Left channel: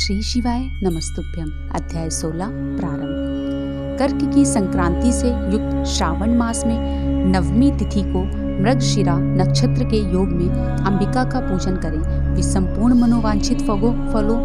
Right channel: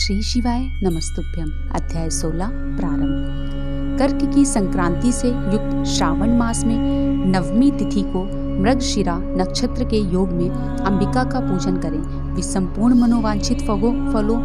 श्री शिवाय नमस्तुभ्यम। अध्याय 16 प्रारंभ। कर्क की संक्रांति से युक्त श्रावण मास में नवमी तिथि को मृगशिरा नक्षत्र के योग में अंबिका का पूजन करें। वे संपूर्ण मनोवांछित फलों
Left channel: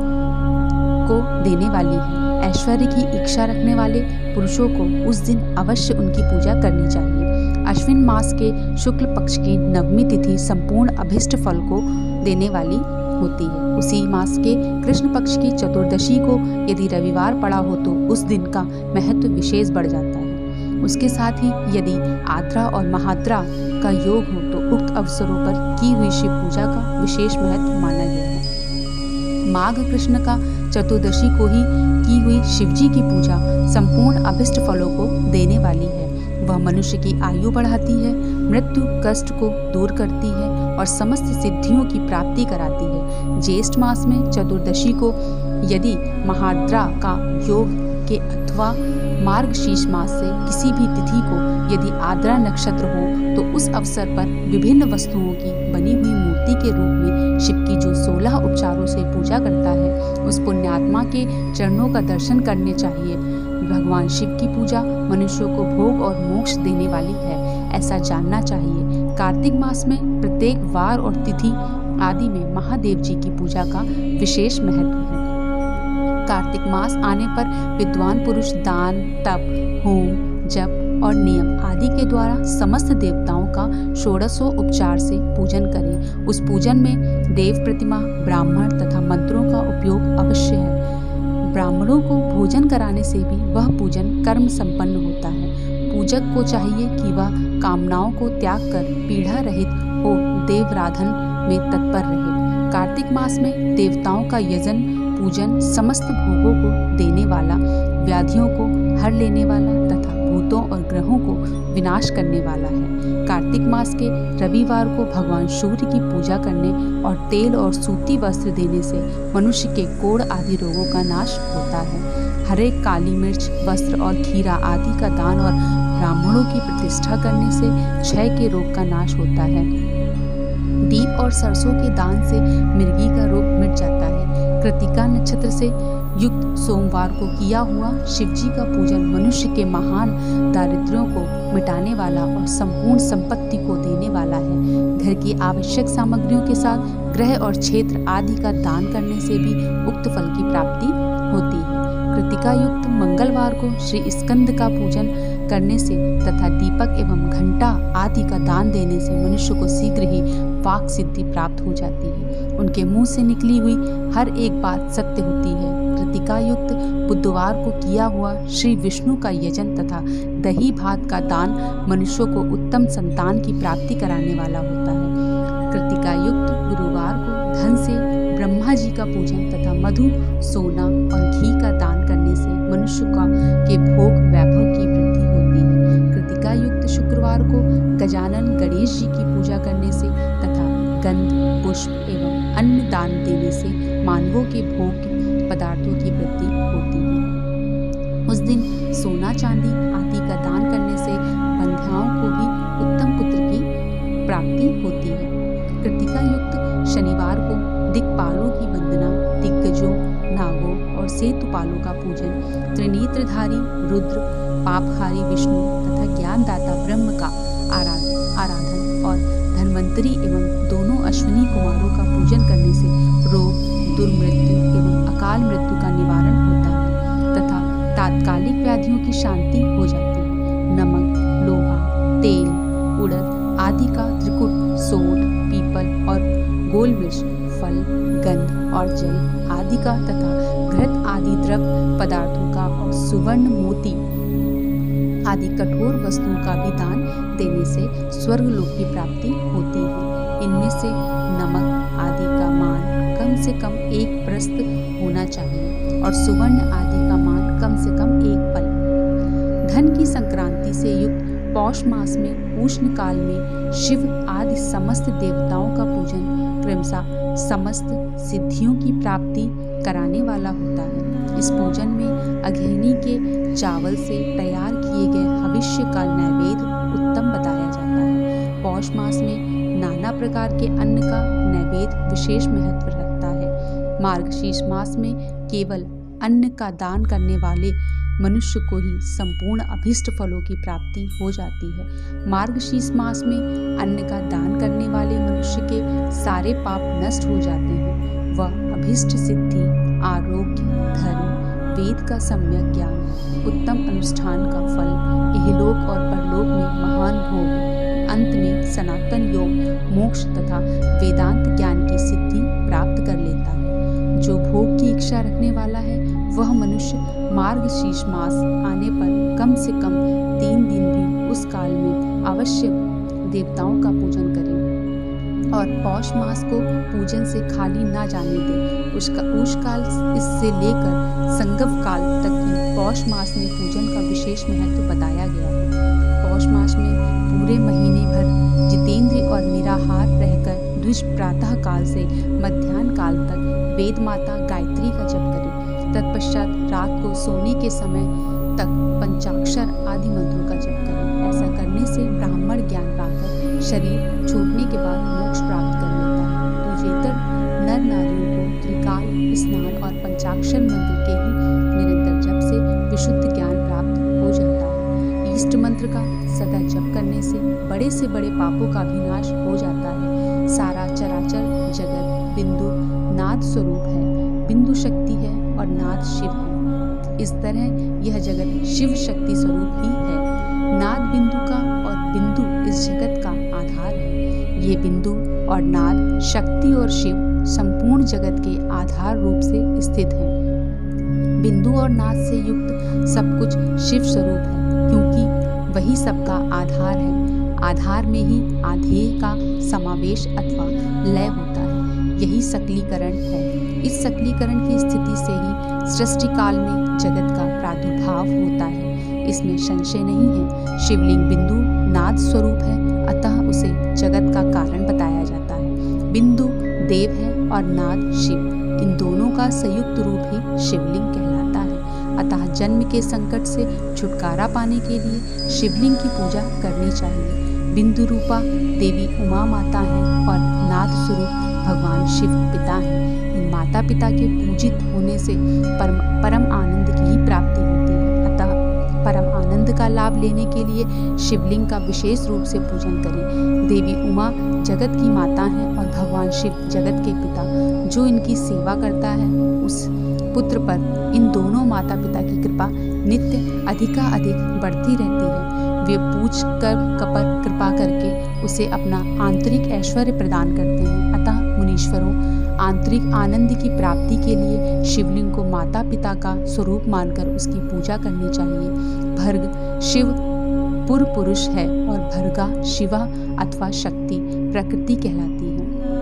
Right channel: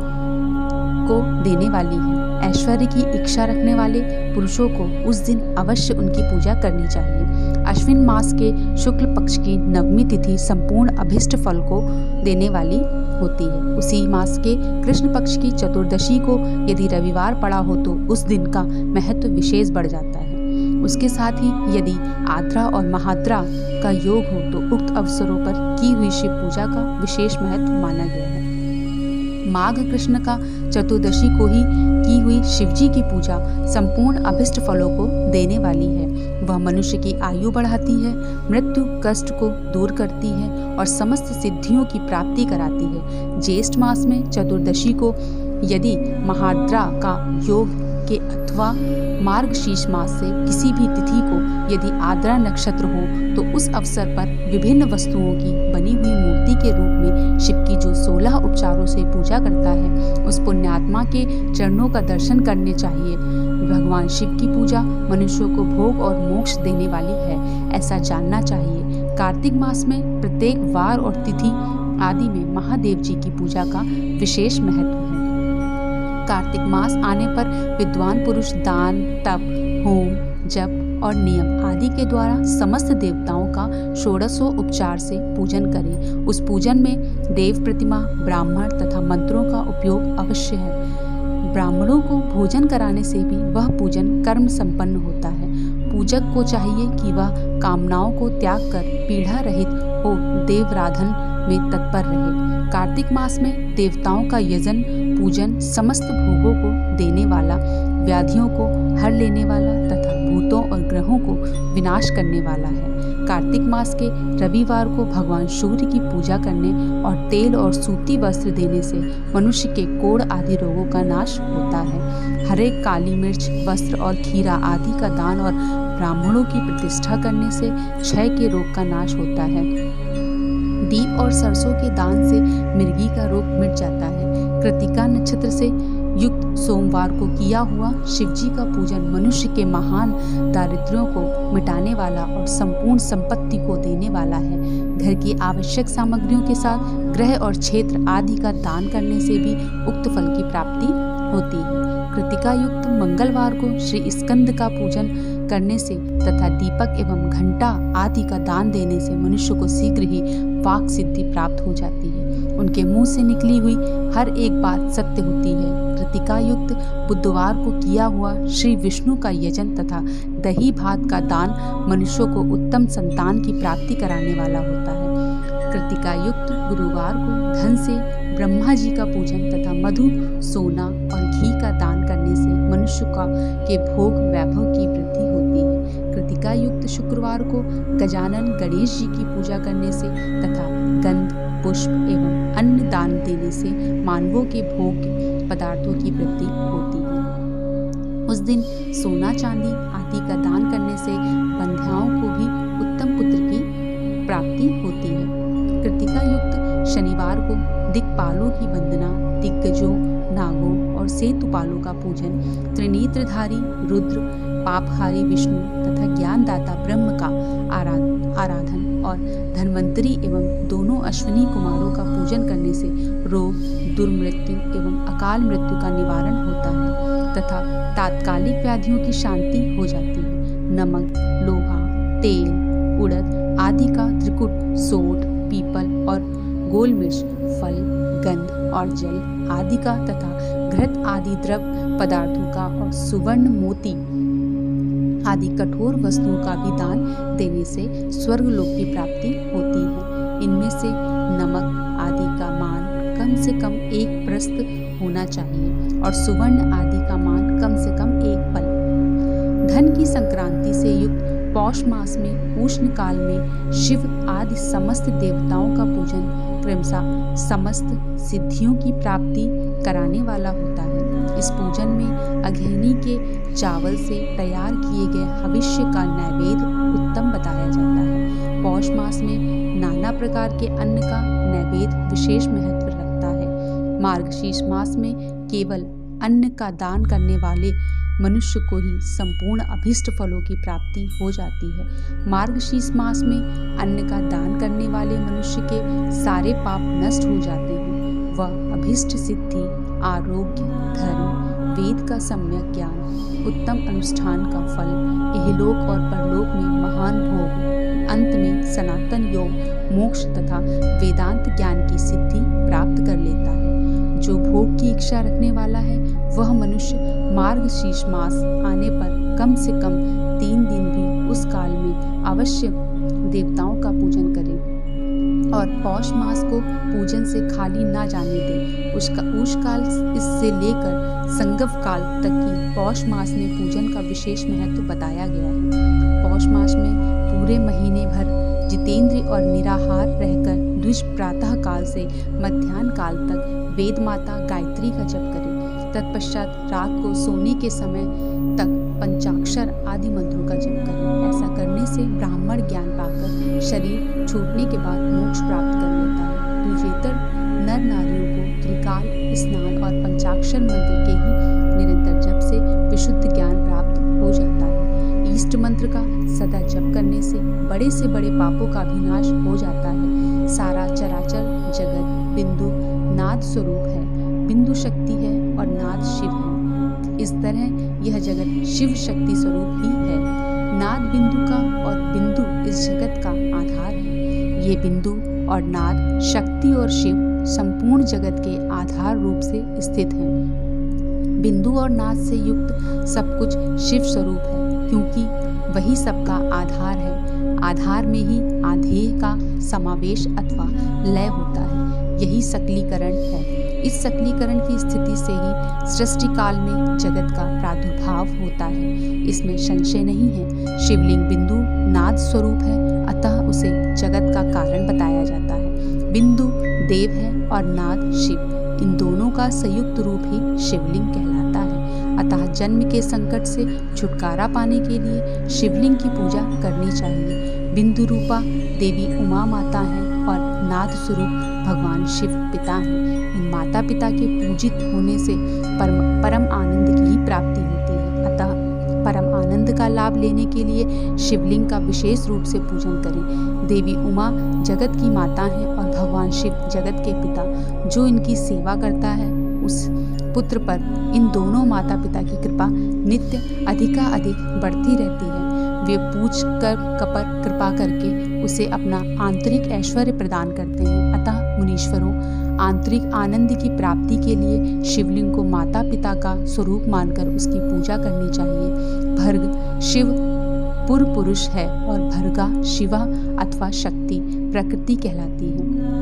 को देने वाली है। ऐश्वर्य की इच्छा रखने वाले पुरुषों को उस दिन अवश्य उनकी पूजा करनी चाहिए। अश्विन मास के शुक्ल पक्ष की नवमी तिथि संपूर्ण अभिष्ट फल को देने वाली होती है। उसी मास के कृष्ण पक्ष की चतुर्दशी को यदि रविवार पड़ा हो तो उस दिन का महत्व विशेष बढ़ जाता है। उसके साथ ही यदि आद्रा और महाद्रा का योग हो तो उक्त अवसरों पर की हुई शिव पूजा का विशेष महत्व माना गया है। माघ कृष्ण का चतुर्दशी को ही की हुई शिवजी की पूजा संपूर्ण अभिष्ट फलों को देने वाली है। वह मनुष्य की आयु बढ़ाती है, मृत्यु कष्ट को दूर करती है और समस्त सिद्धियों की प्राप्ति कराती है। ज्येष्ठ मास में चतुर्दशी को यदि महाद्रा का योग के अथवा मार्गशीर्ष मास से किसी भी तिथि को यदि आद्रा नक्षत्र हो तो उस अवसर पर विभिन्न वस्तुओं की बनी हुई मूर्ति के रूप में शिव की जो 16 उपचारों से पूजा करता है उस पुण्यात्मा के चरणों का दर्शन करने चाहिए। भगवान शिव की पूजा मनुष्यों को भोग और मोक्ष देने वाली है, ऐसा जानना चाहिए। कार्तिक मास में प्रत्येक वार और तिथि आदि में महादेव जी की पूजा का विशेष महत्व है। कार्तिक मास आने पर विद्वान पुरुष दान, तप, होम, जप और नियम आदि के द्वारा समस्त देवताओं का षोडशों उपचार से पूजन करें। उस पूजन में देव प्रतिमा, ब्राह्मण तथा मंत्रों का उपयोग अवश्य है। ब्राह्मणों को भोजन कराने से भी वह पूजन कर्म संपन्न होता है। पूजक को चाहिए कि वह कामनाओं को त्याग कर पीड़ा रहित हो देवराधन में तत्पर रहे। कार्तिक मास में देवताओं का यजन पूजन समस्त भोगों को देने वाला, व्याधियों को हर लेने वाला तथा भूतों और ग्रहों को विनाश करने वाला है। कार्तिक मास के रविवार को भगवान सूर्य की पूजा करने और तेल और सूती वस्त्र देने से मनुष्य के कोढ़ आदि रोगों का नाश होता है। हरे, काली मिर्च, वस्त्र और खीरा आदि का दान और ब्राह्मणों की प्रतिष्ठा करने से क्षय के रोग का नाश होता है। दीप और सरसों के दान से मिर्गी का रोग मिट जाता है। कृतिका नक्षत्र से युक्त सोमवार को किया हुआ शिवजी का पूजन मनुष्य के महान दारिद्र्यों को मिटाने वाला और संपूर्ण संपत्ति को देने वाला है। घर की आवश्यक सामग्रियों के साथ गृह और क्षेत्र आदि का दान करने से भी उक्त फल की प्राप्ति होती है। कृतिका युक्त मंगलवार को श्री स्कंद का पूजन करने से तथा दीपक एवं घंटा आदि का दान देने से मनुष्य को शीघ्र ही वाक सिद्धि प्राप्त हो जाती है। उनके मुंह से निकली हुई हर एक बात सत्य होती है। कृतिका युक्त बुधवार को किया हुआ श्री विष्णु का यजन तथा दही भात का दान मनुष्यों को उत्तम संतान की प्राप्ति कराने वाला होता है। कृतिका युक्त गुरुवार को धन से ब्रह्मा जी का पूजन तथा मधु, सोना और घी का दान करने से मनुष्य के भोग वैभव की वृद्धि होती है। कृतिका युक्त शुक्रवार को गजानन गणेश जी की पूजा करने से तथा गंध, पुष्प एवं अन्न दान देने से मानवों के भोग पदार्थों की वृद्धि होती है। उस दिन सोना, चांदी आदि का दान करने से बंध्याओं को भी उत्तम पुत्र की प्राप्ति होती है। कृतिका युक्त शनिवार को दिक्पालों की वंदना, दिग्गजों, नागों और सेतुपालों का पूजन, त्रिनेत्रधारी रुद्र, पापहारी विष्णु तथा ज्ञानदाता ब्रह्म का आराधन और धन्वंतरी एवं दोनों अश्विनी कुमारों का पूजन करने से रोग, दुर्मृत्यु एवं अकाल मृत्यु का निवारण होता है तथा तात्कालिक व्याधियों की शांति हो जाती है। नमक, लोहा, तेल, उड़द आदि का त्रिकुट, सोंठ, पीपल और गोल मिर्च, फल, गंध और जल आदि का तथा घृत आदि द्रव्य पदार्थों का और सुवर्ण, मोती आदि कठोर वस्तुओं का भी दान देने से स्वर्ग लोक की प्राप्ति होती है। इनमें से नमक आदि का मान कम से कम 1 प्रस्थ होना चाहिए और सुवर्ण आदि का मान कम से कम 1 पल। धन की संक्रांति से युक्त पौष मास में उष्ण काल में शिव आदि समस्त देवताओं का पूजन क्रमशः समस्त सिद्धियों की प्राप्ति कराने वाला होता है। इस पूजन में अघेनी के चावल से तैयार किए गए हविष्य का नैवेद्य उत्तम बताया जाता है। पौष मास में नाना प्रकार के अन्न का नैवेद्य विशेष महत्व रखता है। मार्गशीर्ष मास में केवल अन्न का दान करने वाले मनुष्य को ही संपूर्ण अभीष्ट फलों की प्राप्ति हो जाती है। मार्गशीर्ष मास में अन्न का दान करने वाले मनुष्य के सारे पाप नष्ट हो जाते हैं। वह अभीष्ट सिद्धि, आरोग्य, धर्म, वेद का सम्यक ज्ञान, उत्तम अनुष्ठान का फल, इहलोक और परलोक में महान भोग, अंत में सनातन योग, मोक्ष तथा वेदांत ज्ञान की सिद्धि प्राप्त कर लेता है। जो भोग की इच्छा रखने वाला है वह मनुष्य मार्गशीर्ष मास आने पर कम से कम 3 दिन भी उस काल में अवश्य देवताओं का पूजन करे और पौष मास को पूजन से खाली ना जाने दे। उस काल इससे लेकर संगव काल तक की पौष मास में पूजन का विशेष महत्व बताया गया है। पौष मास में पूरे महीने भर जितेंद्र और निराहार रहकर द्विज प्रातः काल से मध्याह्न काल तक वेद माता गायत्री का जप करें। तत्पश्चात रात को सोने के समय तक पंचाक्षर आदि मंत्रों का जप करें। ऐसा करने से ब्राह्मण ज्ञान पाकर शरीर छूटने के बाद मोक्ष प्राप्त कर लेता है। पूजेतर नर नारियों को त्रिकाल स्नान और पंचाक्षर मंत्र के ही निरंतर जप से विशुद्ध ज्ञान प्राप्त हो जाता है। इष्ट मंत्र का सदा जप करने से बड़े पापों का भी नाश हो जाता है। सारा चराचर जगत बिंदु नाद स्वरूप है। बिंदु शक्ति है और नाद शिव है। इस तरह यह जगत शिव शक्ति स्वरूप ही है। नाद बिंदु का और बिंदु इस जगत का आधार है। ये बिंदु और नाद शक्ति और शिव संपूर्ण जगत के आधार रूप से स्थित हैं। बिंदु और नाद से युक्त सब कुछ शिव स्वरूप है, क्योंकि वही सबका आधार है। आधार में ही आधेय का समावेश अथवा लय होता है। यही सकलीकरण है। इस सकलीकरण की स्थिति से ही सृष्टि काल में जगत का प्रादुर्भाव होता है। इसमें संशय नहीं है। शिवलिंग बिंदु नाद स्वरूप है, अतः उसे जगत का कारण बताया जाता है। बिंदु देव है और नाद शिव। इन दोनों का संयुक्त रूप ही शिवलिंग कहलाता है। अतः जन्म के संकट से छुटकारा पाने के लिए शिवलिंग की पूजा करनी चाहिए। बिंदु रूपा देवी उमा माता हैं और नाद स्वरूप भगवान शिव पिता हैं। इन माता पिता के पूजित होने से परम आनंद की ही प्राप्ति होती है। अतः परम आनंद का लाभ लेने के लिए शिवलिंग का विशेष रूप से पूजन करें। देवी उमा जगत की माता हैं और भगवान शिव जगत के पिता। जो इनकी सेवा करता है उस पुत्र पर इन दोनों माता पिता की कृपा नित्य अधिकाधिक बढ़ती रहती है। वे पूछ कर कृपा करके उसे अपना आंतरिक ऐश्वर्य प्रदान करते हैं। अतः मुनीश्वरों, आंतरिक आनंद की प्राप्ति के लिए शिवलिंग को माता पिता का स्वरूप मानकर उसकी पूजा करनी चाहिए। भर्ग शिव पूर्व पुरुष है और भर्गा शिवा अथवा शक्ति प्रकृति कहलाती है।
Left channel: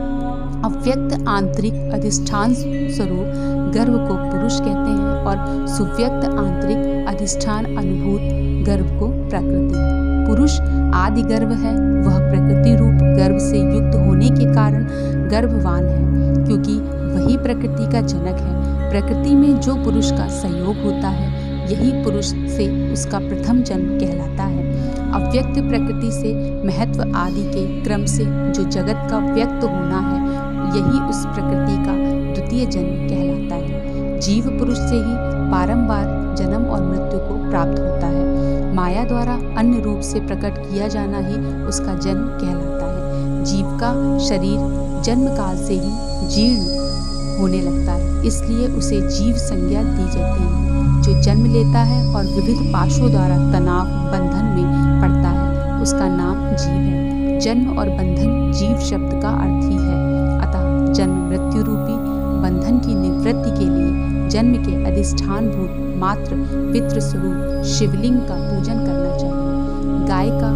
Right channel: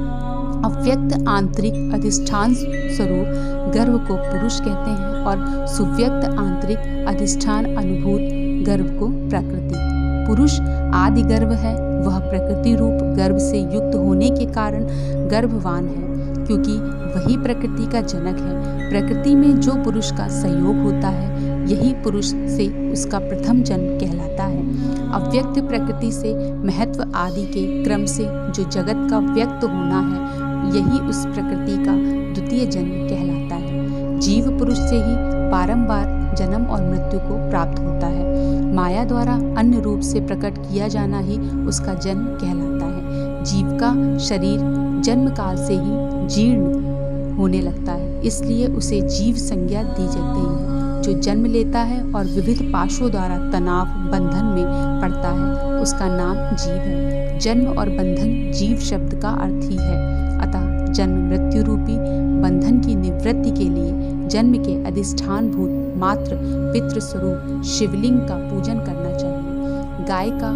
अव्यक्त आंतरिक अधिष्ठान स्वरूप गर्भ को पुरुष कहते हैं और सुव्यक्त आंतरिक अधिष्ठान अनुभूत गर्भ को प्रकृति। पुरुष आदि गर्भ है, वह प्रकृति रूप गर्भ से युक्त होने के कारण गर्भवान है, क्योंकि वही प्रकृति का जनक है। प्रकृति में जो पुरुष का सहयोग होता है यही पुरुष से उसका प्रथम जन्म कहलाता है। अव्यक्त प्रकृति से महत्व आदि के क्रम से जो जगत का व्यक्त होना है यही उस प्रकृति का द्वितीय जन्म कहलाता है। जीव पुरुष से ही बारंबार जन्म और मृत्यु को प्राप्त होता है। माया द्वारा अन्य रूप से प्रकट किया जाना ही उसका जन्म कहलाता है। जीव का शरीर जन्म काल से ही जीर्ण होने लगता है, इसलिए उसे जीव संज्ञा दी जाती है। जो जन्म लेता है और विविध पाशों द्वारा तनाव बंधन में पड़ता है उसका नाम जीव है। जन्म और बंधन जीव शब्द का अर्थ ही है। अतः जन्म मृत्यु रूपी बंधन की निवृत्ति के लिए जन्म के अधिष्ठान भूत मात्र पितृ स्वरूप शिवलिंग का पूजन करना चाहिए। गाय का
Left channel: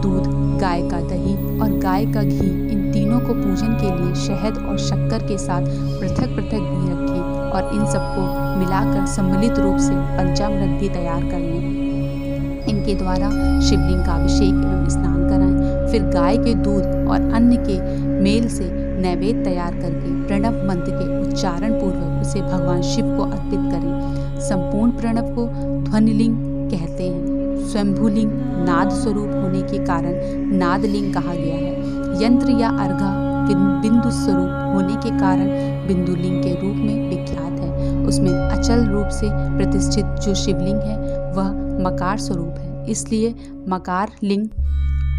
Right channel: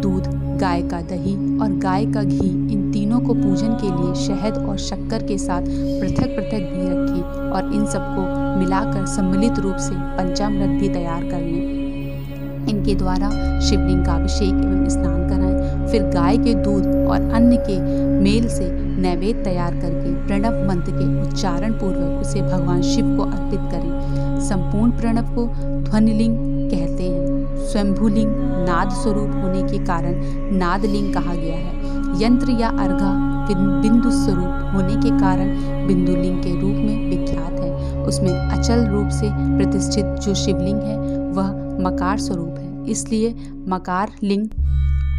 दूध, गाय का दही और गाय का घी, इन तीनों को पूजन के लिए शहद और शक्कर के साथ पृथक पृथक भी रखें और इन सबको मिलाकर सम्मिलित रूप से पंचामृत भी तैयार कर लें। इनके द्वारा शिवलिंग का अभिषेक एवं स्नान कराएं। फिर गाय के दूध और अन्न के मेल से नैवेद्य तैयार करके प्रणव मंत्र के उच्चारण पूर्वक उसे भगवान शिव को अर्पित करें। संपूर्ण प्रणव को ध्वनिलिंग कहते हैं। स्वयंभूलिंग नाद स्वरूप होने के कारण नादलिंग कहा गया है। यंत्र या अर्घा बिंदु स्वरूप होने के कारण बिंदुलिंग के रूप में विख्यात है। उसमें अचल रूप से प्रतिष्ठित जो शिवलिंग है वह मकार स्वरूप है, इसलिए मकार लिंग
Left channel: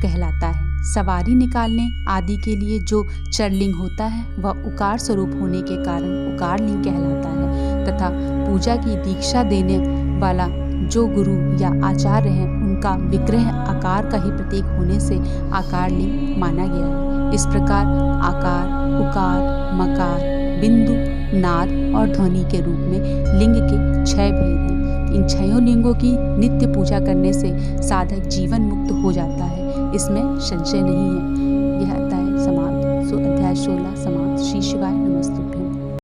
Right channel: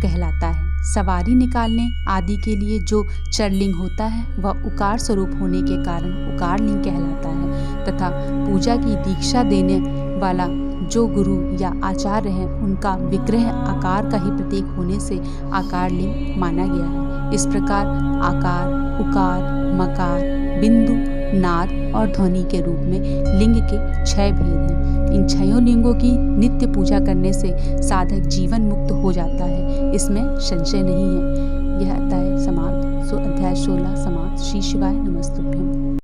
कहलाता है। सवारी निकालने आदि के लिए जो चरलिंग होता है वह उकार स्वरूप होने के कारण उकार लिंग कहलाता है, तथा पूजा की दीक्षा देने वाला जो गुरु या आचार्य हैं उनका विग्रह आकार का ही प्रतीक होने से आकार लिंग माना गया है। इस प्रकार आकार, उकार, मकार, बिंदु, नाद और ध्वनि के रूप में लिंग के 6 भेद हैं। इन 6 लिंगों की नित्य पूजा करने से साधक जीवन मुक्त हो जाता है, इसमें संशय नहीं है। यह अध्याय समाप्त। अध्याय 16 समाप्त। श्री शिवाय नमस्तुभ्यं।